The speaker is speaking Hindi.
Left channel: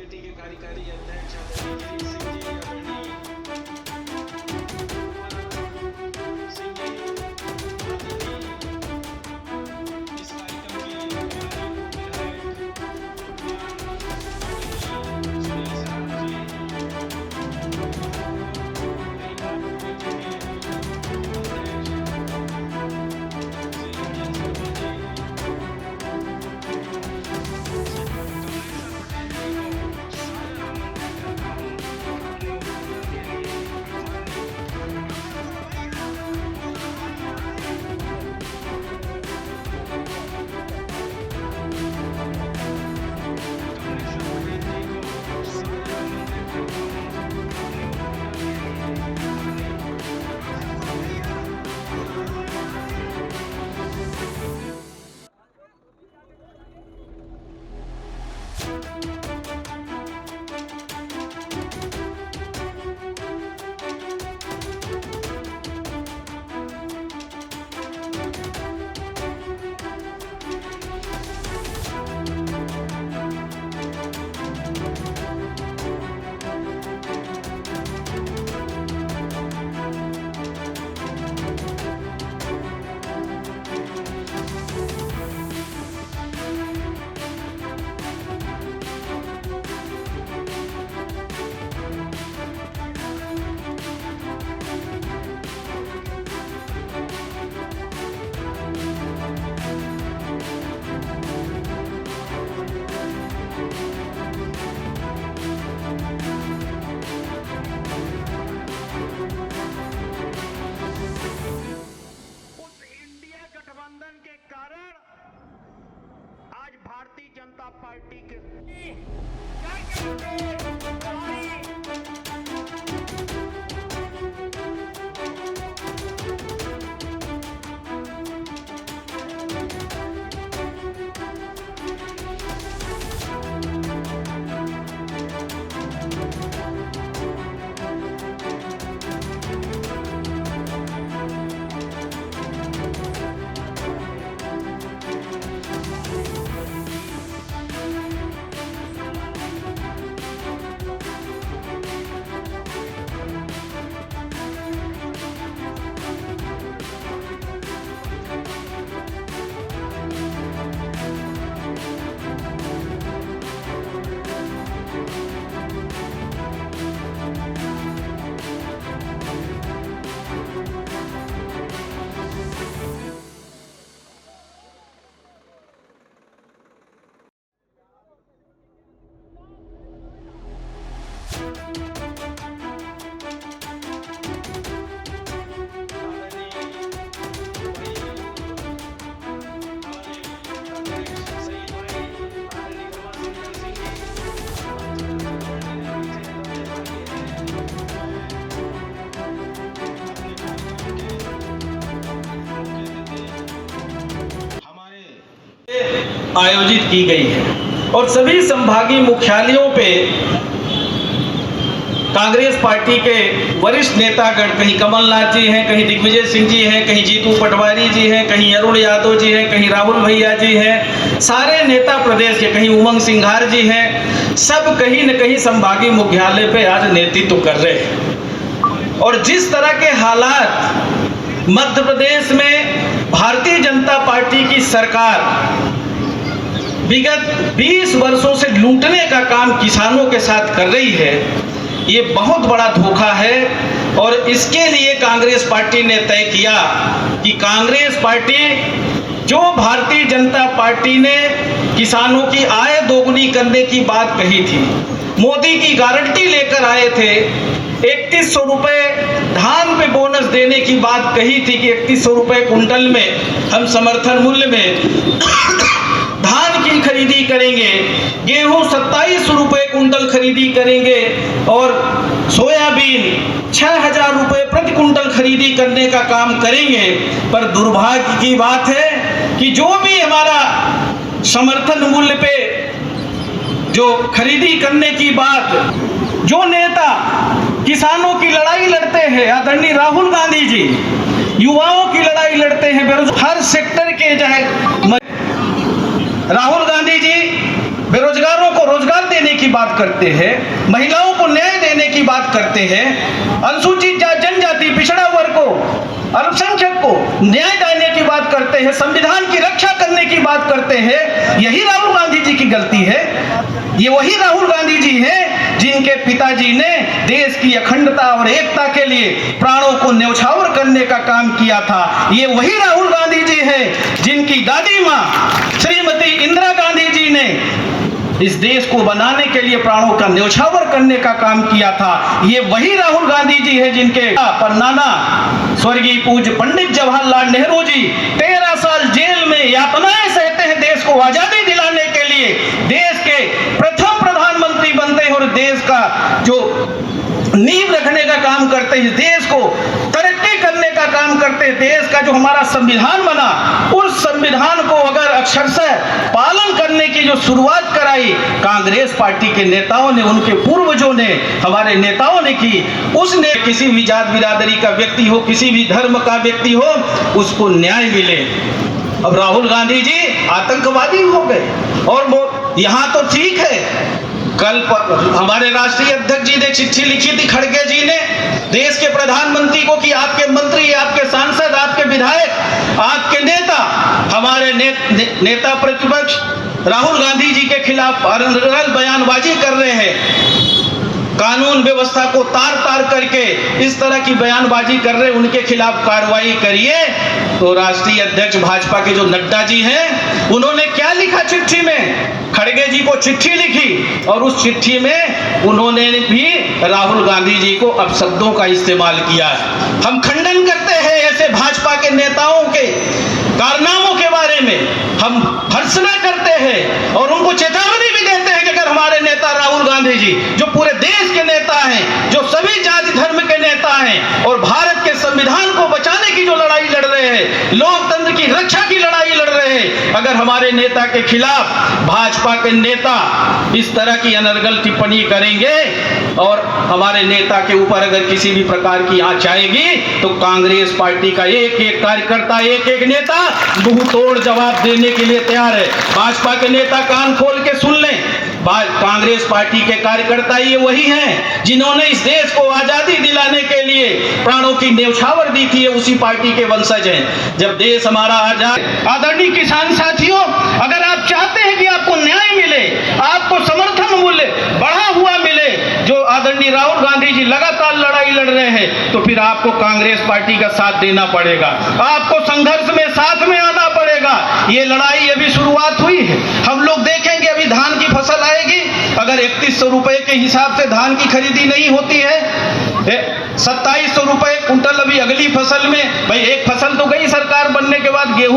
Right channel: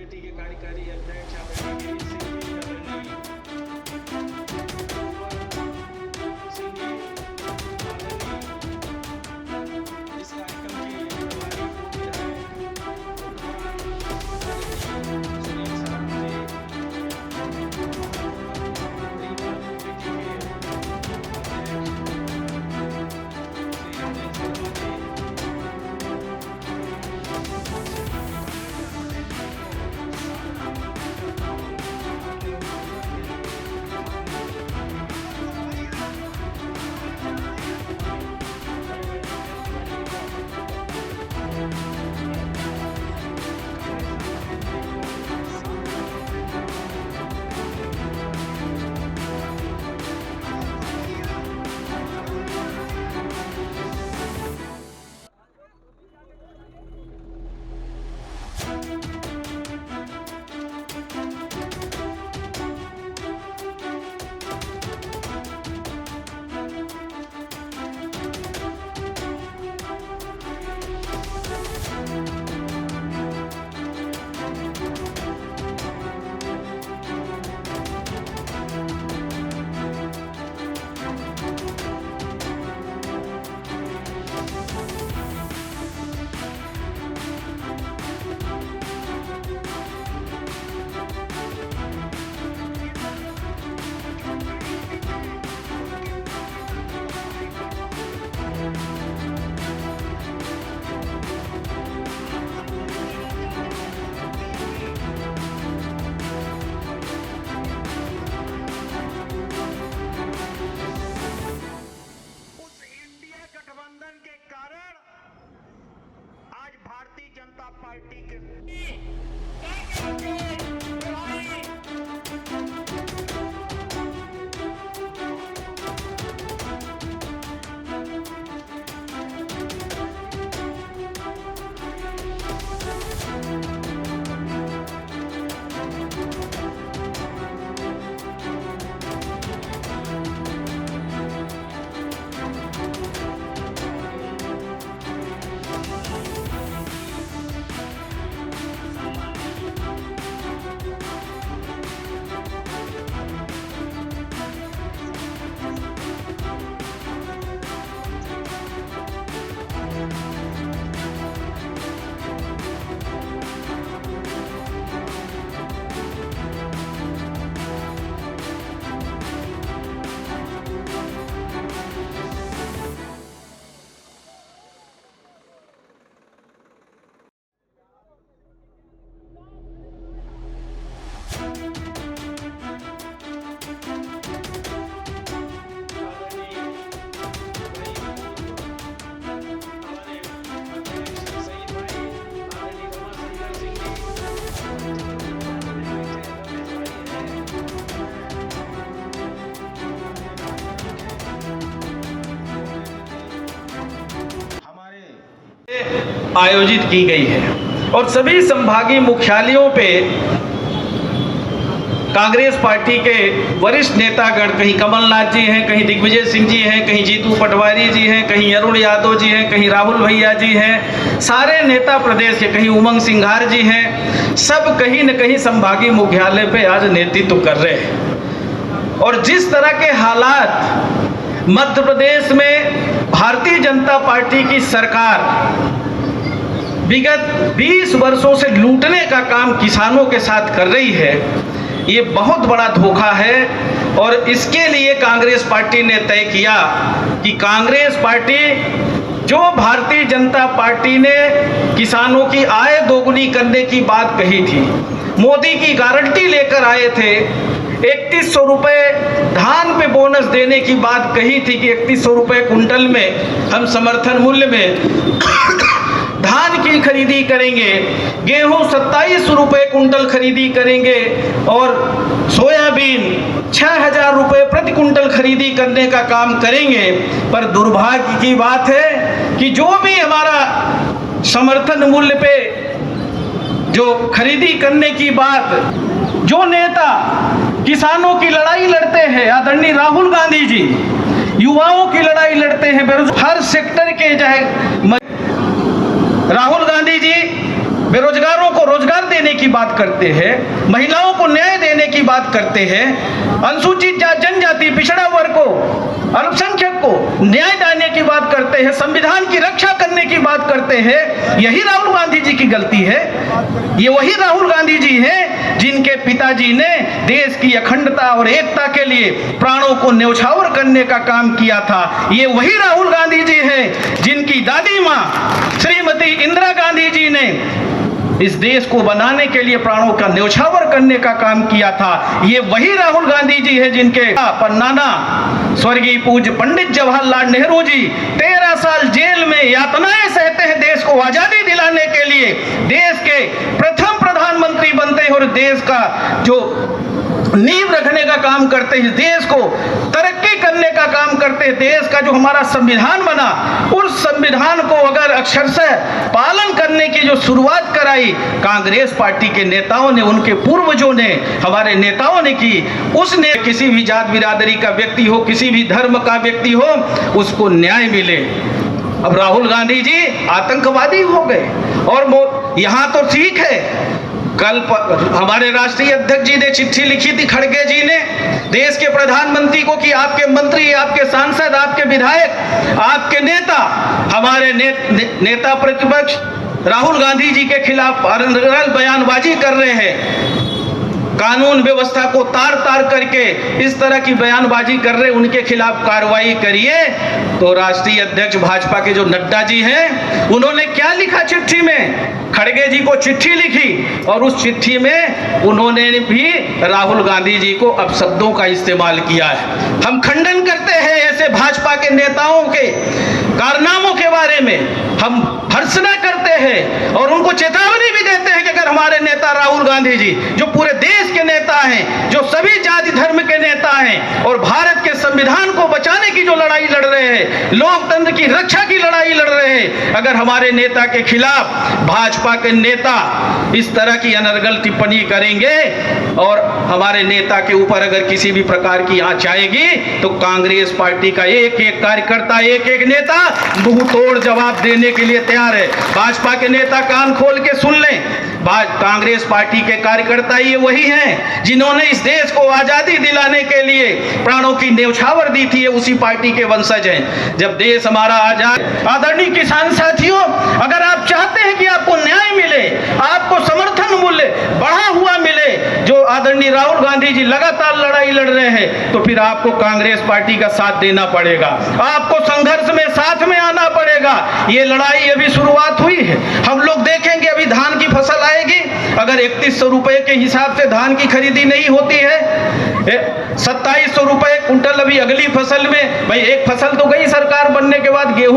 कमेटी के कार्यकारी अध्यक्ष आदरणीय गिरीश सिंह जी, आदरणीय सिंह जी, आदरणीय इस कार्यक्रम की प्रभारी पार्टी के आयोजित की गई है और सभी संभागीय मुख्यालयों पे कांग्रेस पार्टी के वरिष्ठ नेतागण, कहीं कमलनाथ जी हैं, कहीं दिग्विजय सिंह जी हैं, कहीं जीतू पटवारी जी हैं, कहीं अरुण यादव जी हैं, कहीं राहुल भैया जी हैं, सारे नेता प्रदेश के, कहीं उमंग सिंघार जी हैं, सब कहीं न कहीं संभागीय मुख्यालय पे आज नेतृत्व कर रहे हैं। और जिस तरह के हालात मध्य प्रदेश में भारतीय जनता पार्टी की सरकार विगत 20 वर्षों से लूटने का काम किसानों के साथ कर रही है, ये बहुत बड़ा धोखा है। और इसके लिए कांग्रेस पार्टी ने तय किया कि कांग्रेस पार्टी, जो भारतीय जनता पार्टी ने किसानों की आय दोगुनी करने की बात कही थी, मोदी की गारंटी लेकर आए थे, 3100 रुपये धान पे बोनस देने की बात कही थी कि 3100 रुपये कुंटल में हम समर्थन मूल्य में धान की खरीदी करेंगे, गेहूं 2700 रुपये कुंटल खरीदी करेंगे और सोयाबीन 6000 रुपये प्रति कुंटल खरीदी करने का काम करेंगे। पर दुर्भाग्य की बात है कि जो भी हमारा समर्थन मूल्य पे जो खरीदी करने की बात, जो नेता किसानों की लड़ाई लड़ते हैं, आदरणीय राहुल गांधी जी, युवाओं की लड़ाई लड़ते हैं, हर सेक्टर के चाहे राहुल गांधी जी बेरोजगारों को रोजगार देने की बात करते हैं, महिलाओं को न्याय देने की बात करते हैं, अनुसूचित जनजाति पिछड़ा वर्ग को, अल्पसंख्यक को न्याय देने की बात करते हैं, संविधान की रक्षा करने की बात करते हैं, यही राहुल गांधी जी की गलती है। ये वही राहुल गांधी जी हैं जिनके पिताजी ने देश की अखंडता और एकता के लिए प्राणों को न्यौछावर करने का काम किया था। ये वही राहुल गांधी जी हैं जिनकी दादी माँ श्रीमती इंदिरा गांधी जी ने इस देश को बनाने के लिए प्राणों का न्यौछावर करने का काम किया था। ये वही राहुल गांधी जी है जिनके नाना स्वर्गीय पूज्य पंडित जवाहरलाल नेहरू जी 13 साल जेल में यातनाएं सहते हैं देश को आजादी दिलाने के लिए, देश के प्रथम प्रधानमंत्री बनते हैं और देश का जो नींव रखने का काम करते हैं, देश को तरक्की करने का काम करते हैं। देश का जो हमारा संविधान बना, उस संविधान को अगर अक्षरशः पालन करने की जो शुरुआत कराई कांग्रेस पार्टी के नेताओं ने, उनके पूर्वजों ने, हमारे नेताओं ने की, उसने किसी भी जात बिरादरी का व्यक्ति हो, किसी भी धर्म का व्यक्ति हो, उसको न्याय मिले। अब राहुल गांधी जी आतंकवादी हो गए और वो यहाँ तो ठीक है, कल हमारे राष्ट्रीय अध्यक्ष जी ने चिट्ठी लिखी थी खड़गे जी ने देश के प्रधानमंत्री को कि आपके मंत्री, आपके सांसद, आपके विधायक, आपके नेता हमारे नेता प्रतिपक्ष राहुल गांधी जी के खिलाफ अनर्गल बयानबाजी कर रहे हैं, कानून व्यवस्था को तार तार करके इस तरह की बयानबाजी कर रहे, उनके खिलाफ कार्रवाई करिए। तो राष्ट्रीय अध्यक्ष भाजपा के जो नड्डा जी हैं, उन्होंने क्या लिखा चिट्ठी में? खड़गे जी को चिट्ठी लिखी और उस चिट्ठी में उन्होंने भी राहुल गांधी जी को अपशब्दों का इस्तेमाल किया है। हम खंडन करते हैं ऐसे भाजपा के नेताओं के कारनामों के बारे में, हम भर्त्सना करते हैं और उनको चेतावनी भी देते हैं कि अगर हमारे नेता राहुल गांधी जी, जो पूरे देश के नेता हैं, जो सभी जाति धर्म के नेता हैं और भारत के संविधान को बचाने की जो लड़ाई लड़ रहे हैं, लोकतंत्र की रक्षा की लड़ाई लड़ रहे हैं, अगर हमारे नेता के खिलाफ भाजपा के नेता इस तरह की अनर्गल टिप्पणी करेंगे और हमारे नेता के ऊपर अगर किसी भी प्रकार की आंच आएगी, तो कांग्रेस पार्टी का एक एक कार्यकर्ता, एक एक नेता मुंह तोड़ जवाब देने के लिए तैयार है। भाजपा के नेता कान खोल के सुन लें, कांग्रेस पार्टी के कार्यकर्ता ये वही हैं जिन्होंने इस देश को आजादी दिलाने के लिए प्राणों की न्यौछावर दी थी, उसी पार्टी के वंशज हैं। जब देश हमारा आजाद, आदरणीय किसान साथियों, अगर आप चाहते हैं कि आपको न्याय मिले, आपको समर्थन मूल्य बढ़ा हुआ मिले, जो आदरणीय राहुल गांधी जी लगातार लड़ाई लड़ रहे हैं, तो फिर आपको कांग्रेस पार्टी का साथ देना पड़ेगा, आपको संघर्ष में साथ में आना पड़ेगा। ये लड़ाई अभी शुरुआत हुई है, हम लोग देखेंगे अभी धान की फसल आएगी, अगर 3100 रुपए के हिसाब से धान की खरीदी नहीं होती है, 2700 रुपए कुंटल अभी अगली फसल में, भाई एक फसल तो गई सरकार बनने के बाद, गेहूं